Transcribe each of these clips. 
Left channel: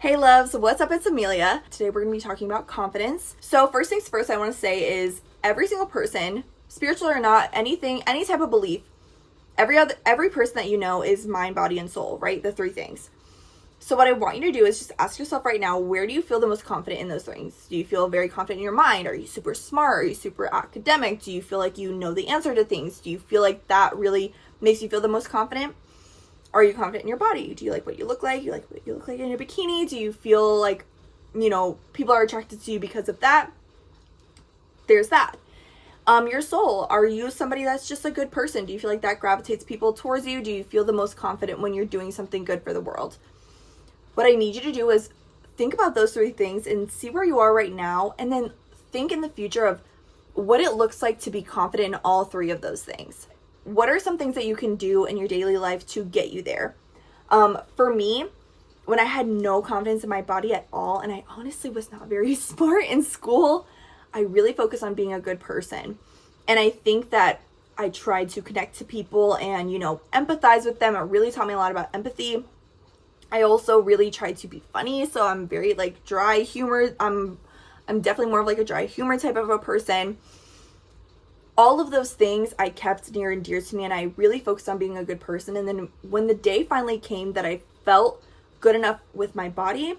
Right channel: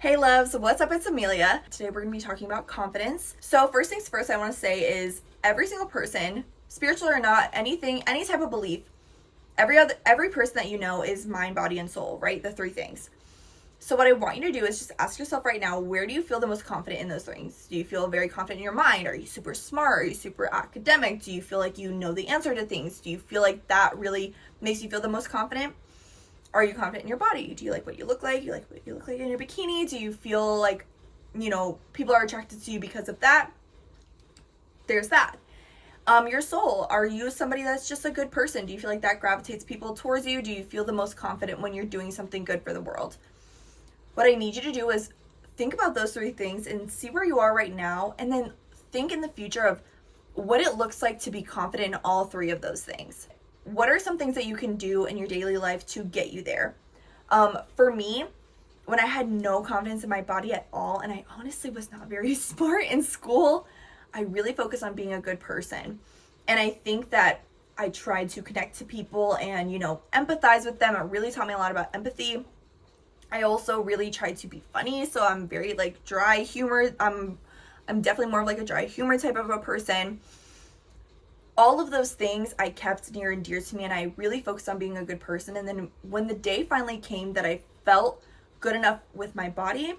Hey loves, what's up? It's Amelia. Today we're going to be talking about confidence. So first things first I want to say is every single person, spiritual or not, any type of belief, every person that you know is mind, body, and soul, right? The three things. So what I want you to do is just ask yourself right now, where do you feel the most confident in those things? Do you feel very confident in your mind? Are you super smart? Are you super academic? Do you feel like you know the answer to things? Do you feel like that really makes you feel the most confident? Are you confident in your body? Do you like what you look like? You like what you look like in your bikini? Do you feel like, people are attracted to you because of that? There's that. Your soul. Are you somebody that's just a good person? Do you feel like that gravitates people towards you? Do you feel the most confident when you're doing something good for the world? What I need you to do is think about those three things and see where you are right now, and then think in the future of what it looks like to be confident in all three of those things. What are some things that you can do in your daily life to get you there? For me, when I had no confidence in my body at all, and I honestly was not very smart in school, I really focused on being a good person. And I think that I tried to connect to people and, empathize with them. It really taught me a lot about empathy. I also really tried to be funny, so I'm very dry humor. I'm definitely more of a dry humor type of a person. All of those things I kept near and dear to me, and I really focused on being a good person. And then when the day finally came that I felt good enough with my body,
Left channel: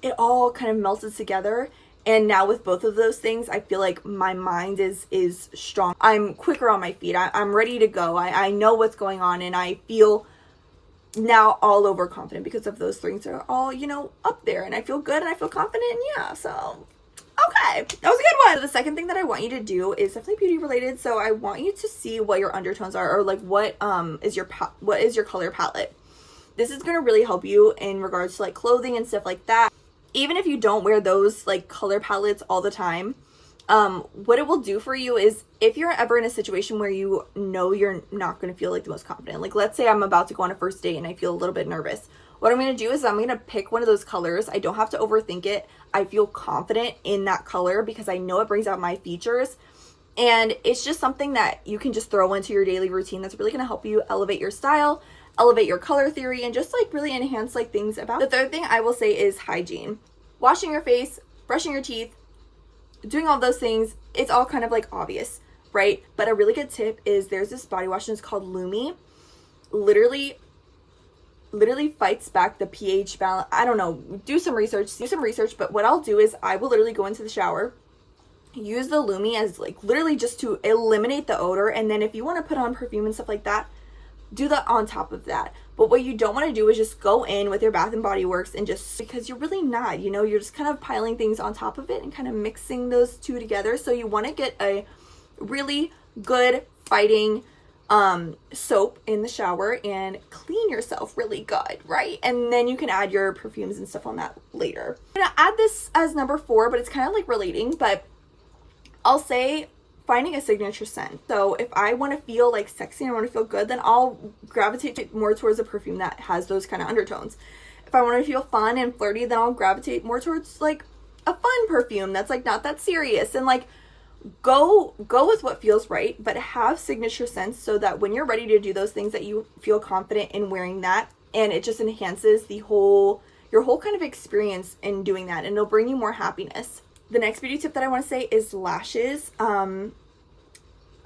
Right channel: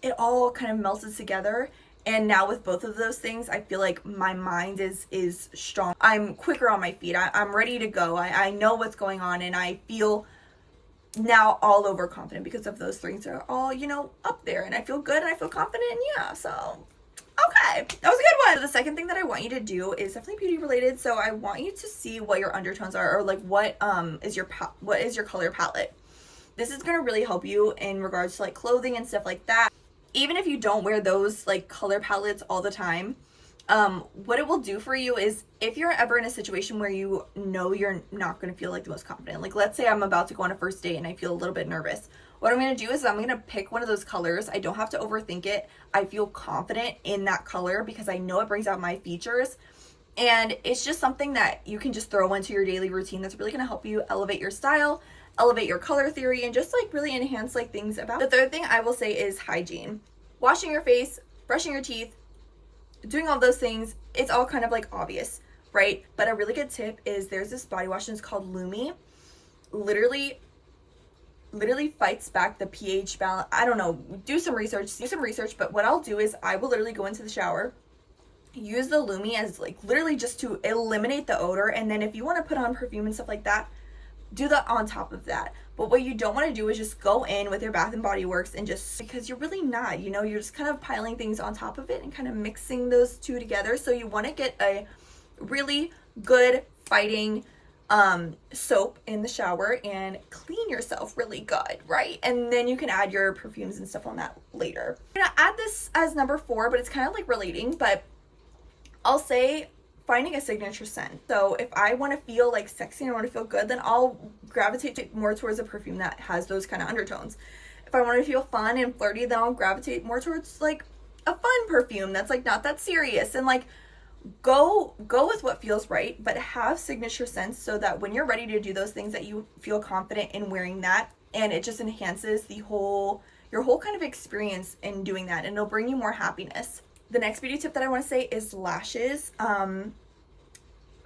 it all kind of melted together. And now with both of those things, I feel like my mind is strong. I'm quicker on my feet. I'm ready to go. I know what's going on, and I feel now all over confident because of those things are all, up there, and I feel good and I feel confident. Yeah, so okay, that was a good one. So the second thing that I want you to do is definitely beauty related. So I want you to see what your undertones are, or what is your color palette. This is going to really help you in regards to clothing and stuff like that. Even if you don't wear those color palettes all the time, what it will do for you is if you're ever in a situation where you know you're not going to feel the most confident, let's say I'm about to go on a first date and I feel a little bit nervous. What I'm going to do is I'm going to pick one of those colors. I don't have to overthink it. I feel confident in that color because I know it brings out my features. And it's just something that you can just throw into your daily routine that's really going to help you elevate your style, elevate your color theory, and just really enhance things about. The third thing I will say is hygiene. Washing your face, brushing your teeth, doing all those things, it's all kind of obvious, right? But a really good tip is there's this body wash and it's called Lumi. Literally fights back the pH balance. I don't know, do some research, but what I'll do is I will literally go into the shower, use the Lumi as literally just to eliminate the odor, and then if you want to put on perfume and stuff like that, do that on top of that. But what you don't want to do is just go in with your Bath and Body Works and just, because you're really not, you're just kind of piling things on top of it and kind of mixing those two together. So you want to get a really good fighting soap in the shower and clean yourself really good, right? And then you can add your perfumes and stuff on that later. I'm gonna add this as number 4, but it's kind of relating, but I'll say finding a signature scent. So if I want to feel sexy and I want to feel good, then I'll gravitate more towards a perfume that has those kind of undertones. If I want to feel fun and flirty, then I'll gravitate more towards a fun perfume that's not that serious, and go with what feels right, but have signature scents so that when you're ready to do those things that you feel confident in wearing that, and it just enhances your whole kind of experience in doing that, and it'll bring you more happiness. The next beauty tip that I want to say is lashes.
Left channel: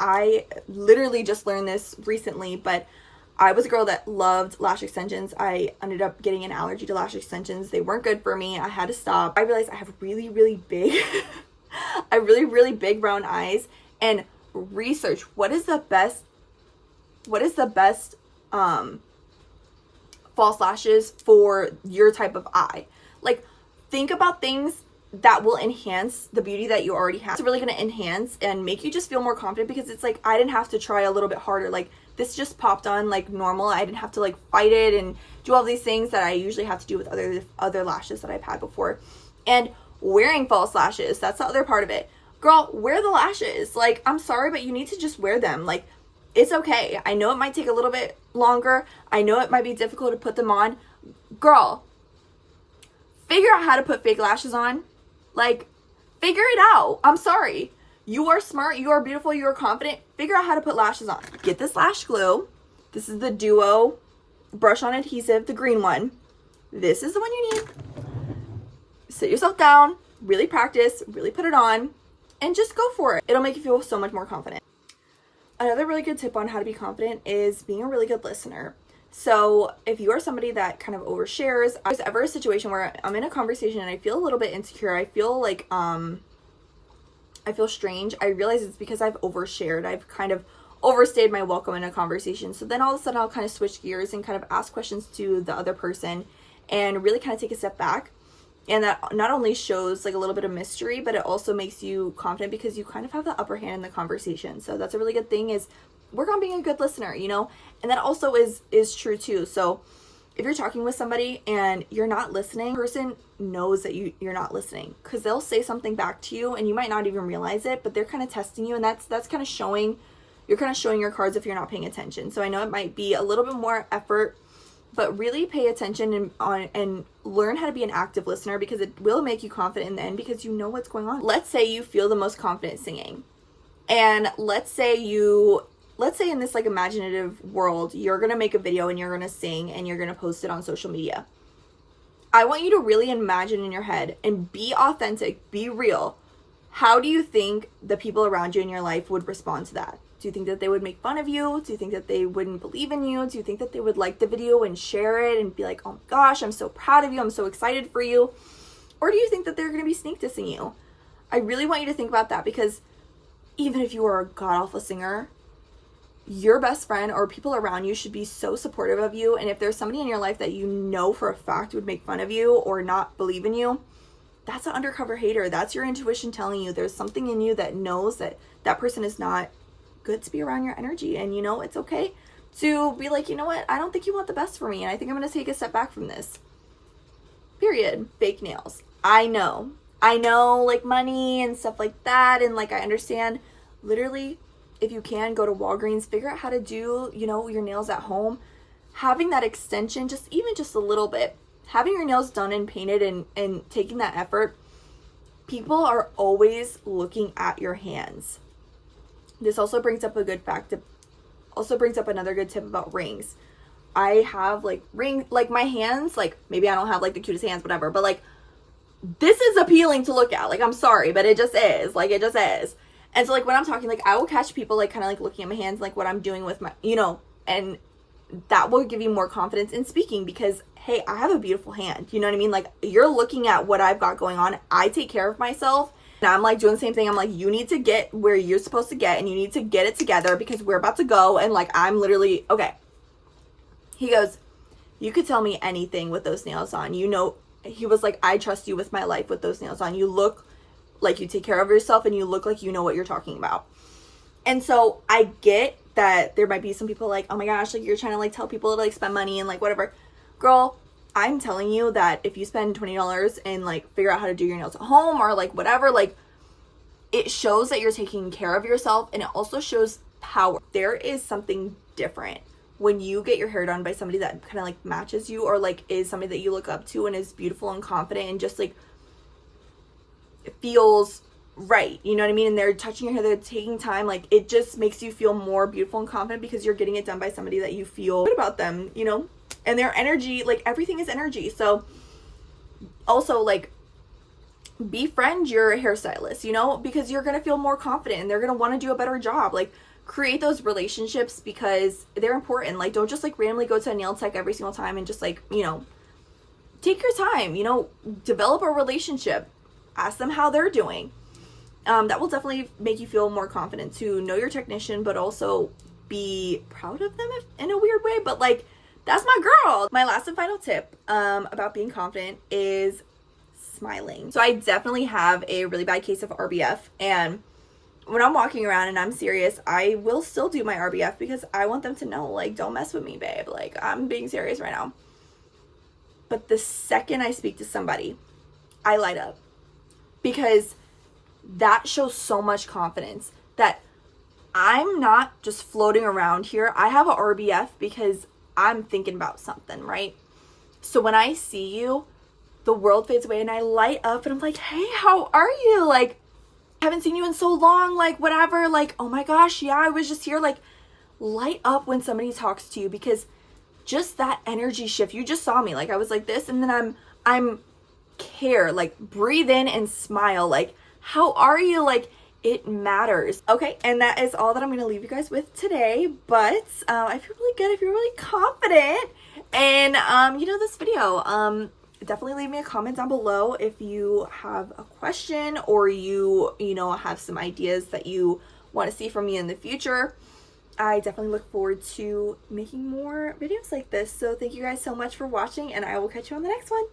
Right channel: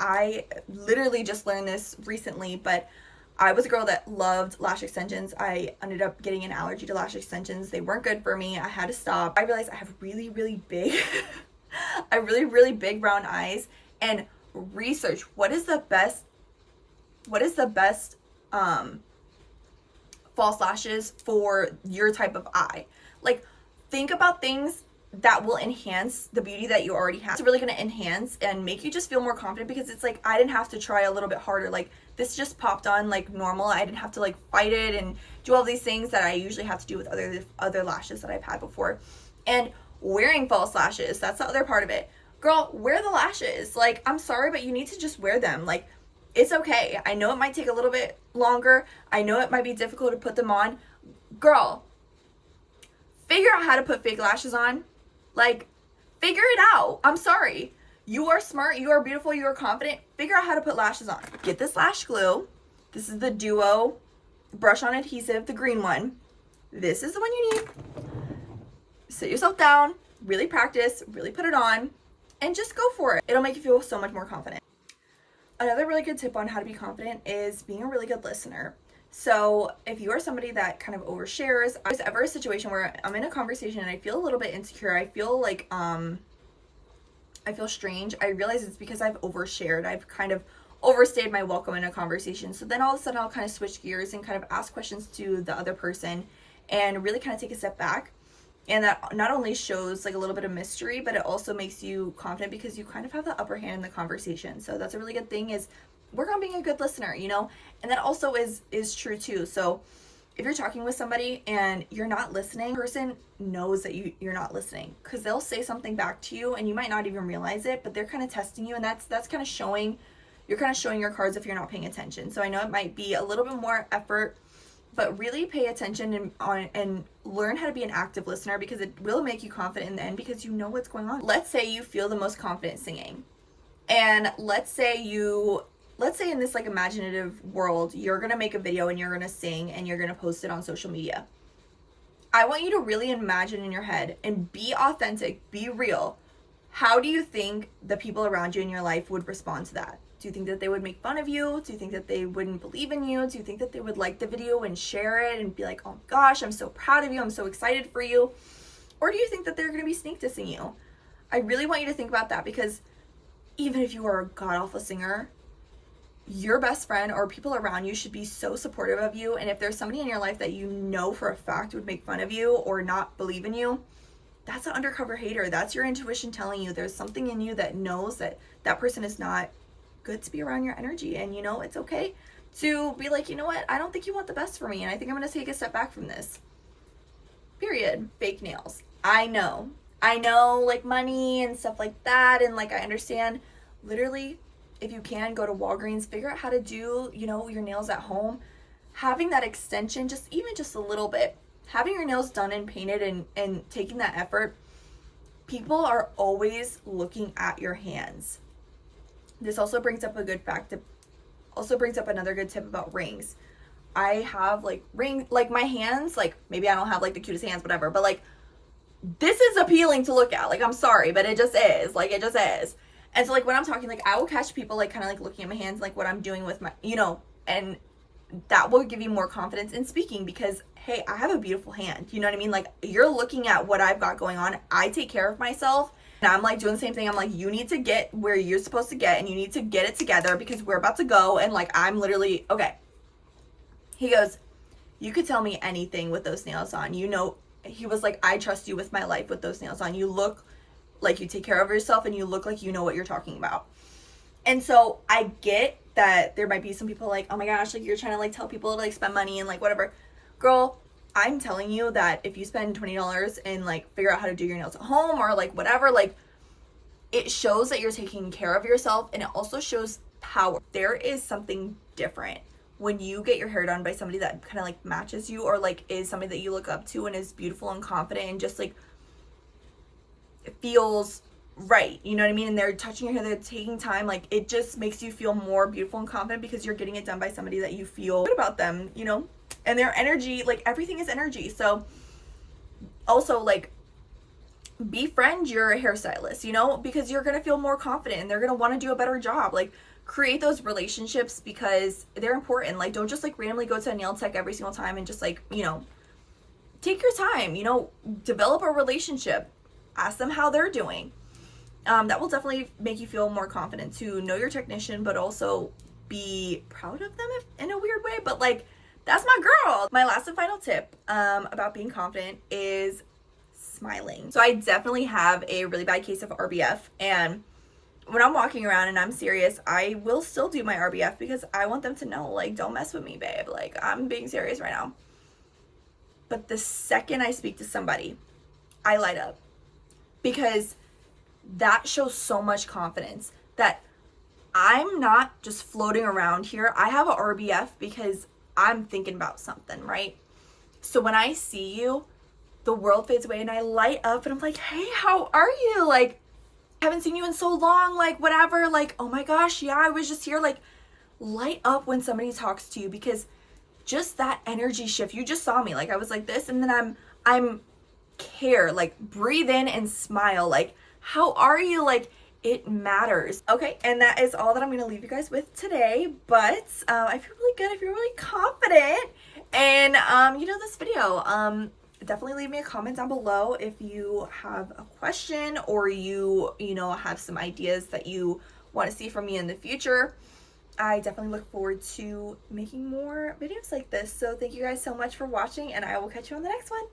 I literally just learned this recently, but I was a girl that loved lash extensions. I ended up getting an allergy to lash extensions. They weren't good for me. I had to stop. I realized I have really, really big really big brown eyes, and research what is the best false lashes for your type of eye. Think about things that will enhance the beauty that you already have. It's really going to enhance and make you just feel more confident, because it's I didn't have to try a little bit harder. This just popped on normal. I didn't have to fight it and do all these things that I usually have to do with other lashes that I've had before. And wearing false lashes, that's the other part of it. Girl, wear the lashes. I'm sorry, but you need to just wear them. It's okay. I know it might take a little bit longer. I know it might be difficult to put them on. Girl, figure out how to put fake lashes on. Figure it out. I'm sorry. You are smart. You are beautiful. You are confident. Figure out how to put lashes on. Get this lash glue. This is the Duo brush on adhesive, the green one. This is the one you need. sit yourself down, really practice, really put it on, and just go for it. It'll make you feel so much more confident. Another really good tip on how to be confident is being a really good listener. So if you are somebody that kind of overshares, if there's ever a situation where I'm in a conversation and I feel a little bit insecure, I feel like, I feel strange, I realize it's because I've overshared. I've kind of overstayed my welcome in a conversation. So then all of a sudden I'll kind of switch gears and kind of ask questions to the other person and really kind of take a step back. And that not only shows like a little bit of mystery, but it also makes you confident because you kind of have the upper hand in the conversation. So that's a really good thing, is work on being a good listener, you know? And that also is true too. So if you're talking with somebody and you're not listening, the person knows that you're not listening, because they'll say something back to you and you might not even realize it, but they're kind of testing you, and that's kind of showing, you're kind of showing your cards if you're not paying attention. So I know it might be a little bit more effort, but really pay attention and learn how to be an active listener, because it will make you confident in the end because you know what's going on. Let's say you feel the most confident singing, and let's say in this like imaginative world, you're gonna make a video and you're gonna sing and you're gonna post it on social media. I want you to really imagine in your head and be authentic, be real. How do you think the people around you in your life would respond to that? Do you think that they would make fun of you? Do you think that they wouldn't believe in you? Do you think that they would like the video and share it and be like, oh my gosh, I'm so proud of you, I'm so excited for you? Or do you think that they're going to be sneak dissing you? I really want you to think about that, because even if you are a god-awful singer, your best friend or people around you should be so supportive of you. And if there's somebody in your life that you know for a fact would make fun of you or not believe in you, that's an undercover hater. That's your intuition telling you there's something in you that knows that that person is not good to be around your energy. And you know, it's okay to be like, you know what, I don't think you want the best for me, and I think I'm going to take a step back from this. Period. Fake nails. I know, like money and stuff like that, and like I understand. Literally, if you can, go to Walgreens, figure out how to do, you know, your nails at home. Having that extension, even just a little bit, having your nails done and painted and taking that effort, people are always looking at your hands. This also brings up another good tip about rings. I have like my hands, like maybe I don't have like the cutest hands, whatever, but like this is appealing to look at. Like, I'm sorry, but it just is. Like, it just is. And so like when I'm talking, like I will catch people like kind of like looking at my hands, like what I'm doing with my, you know, and that will give you more confidence in speaking, because hey, I have a beautiful hand. You know what I mean? Like, you're looking at what I've got going on. I take care of myself, and I'm like doing the same thing. I'm like, you need to get where you're supposed to get, and you need to get it together because we're about to go. And like, I'm literally, okay. He goes, you could tell me anything with those nails on. You know, he was like, I trust you with my life with those nails on. You look like you take care of yourself, and you look like you know what you're talking about. And so I get that there might be some people like, oh my gosh, like you're trying to like tell people to like spend money and like whatever. Girl, I'm telling you that if you spend $20 and like figure out how to do your nails at home or like whatever, like it shows that you're taking care of yourself, and it also shows power. There is something different when you get your hair done by somebody that kind of like matches you, or like is somebody that you look up to and is beautiful and confident and just like it feels right, you know what I mean? And they're touching your hair, they're taking time, like it just makes you feel more beautiful and confident because you're getting it done by somebody that you feel good about them, you know? And their energy, like everything is energy. So also like befriend your hairstylist, you know, because you're gonna feel more confident and they're gonna want to do a better job. Like create those relationships because they're important. Like don't just like randomly go to a nail tech every single time and just like, you know, take your time, you know, develop a relationship, ask them how they're doing. That will definitely make you feel more confident to know your technician, but also be proud of them in a weird way. But like, that's my girl. My last and final tip about being confident is smiling. So I definitely have a really bad case of RBF, and when I'm walking around and I'm serious, I will still do my RBF because I want them to know, like, don't mess with me, babe. Like, I'm being serious right now. But the second I speak to somebody, I light up, because that shows so much confidence that I'm not just floating around here. I have a RBF because I'm thinking about something, right? So when I see you, the world fades away and I light up and I'm like, hey, how are you? Like, I haven't seen you in so long, like whatever, like, oh my gosh, yeah, I was just here. Like, light up when somebody talks to you, because just that energy shift, you just saw me, like I was like this, and then I'm care. Like, breathe in and smile. Like, how are you? Like, it matters. Okay, and that is all that I'm gonna leave you guys with today. But I feel really good. I feel really confident. And you know, this video, definitely leave me a comment down below if you have a question or you know, have some ideas that you want to see from me in the future. I definitely look forward to making more videos like this. So thank you guys so much for watching, and I will catch you on the next one.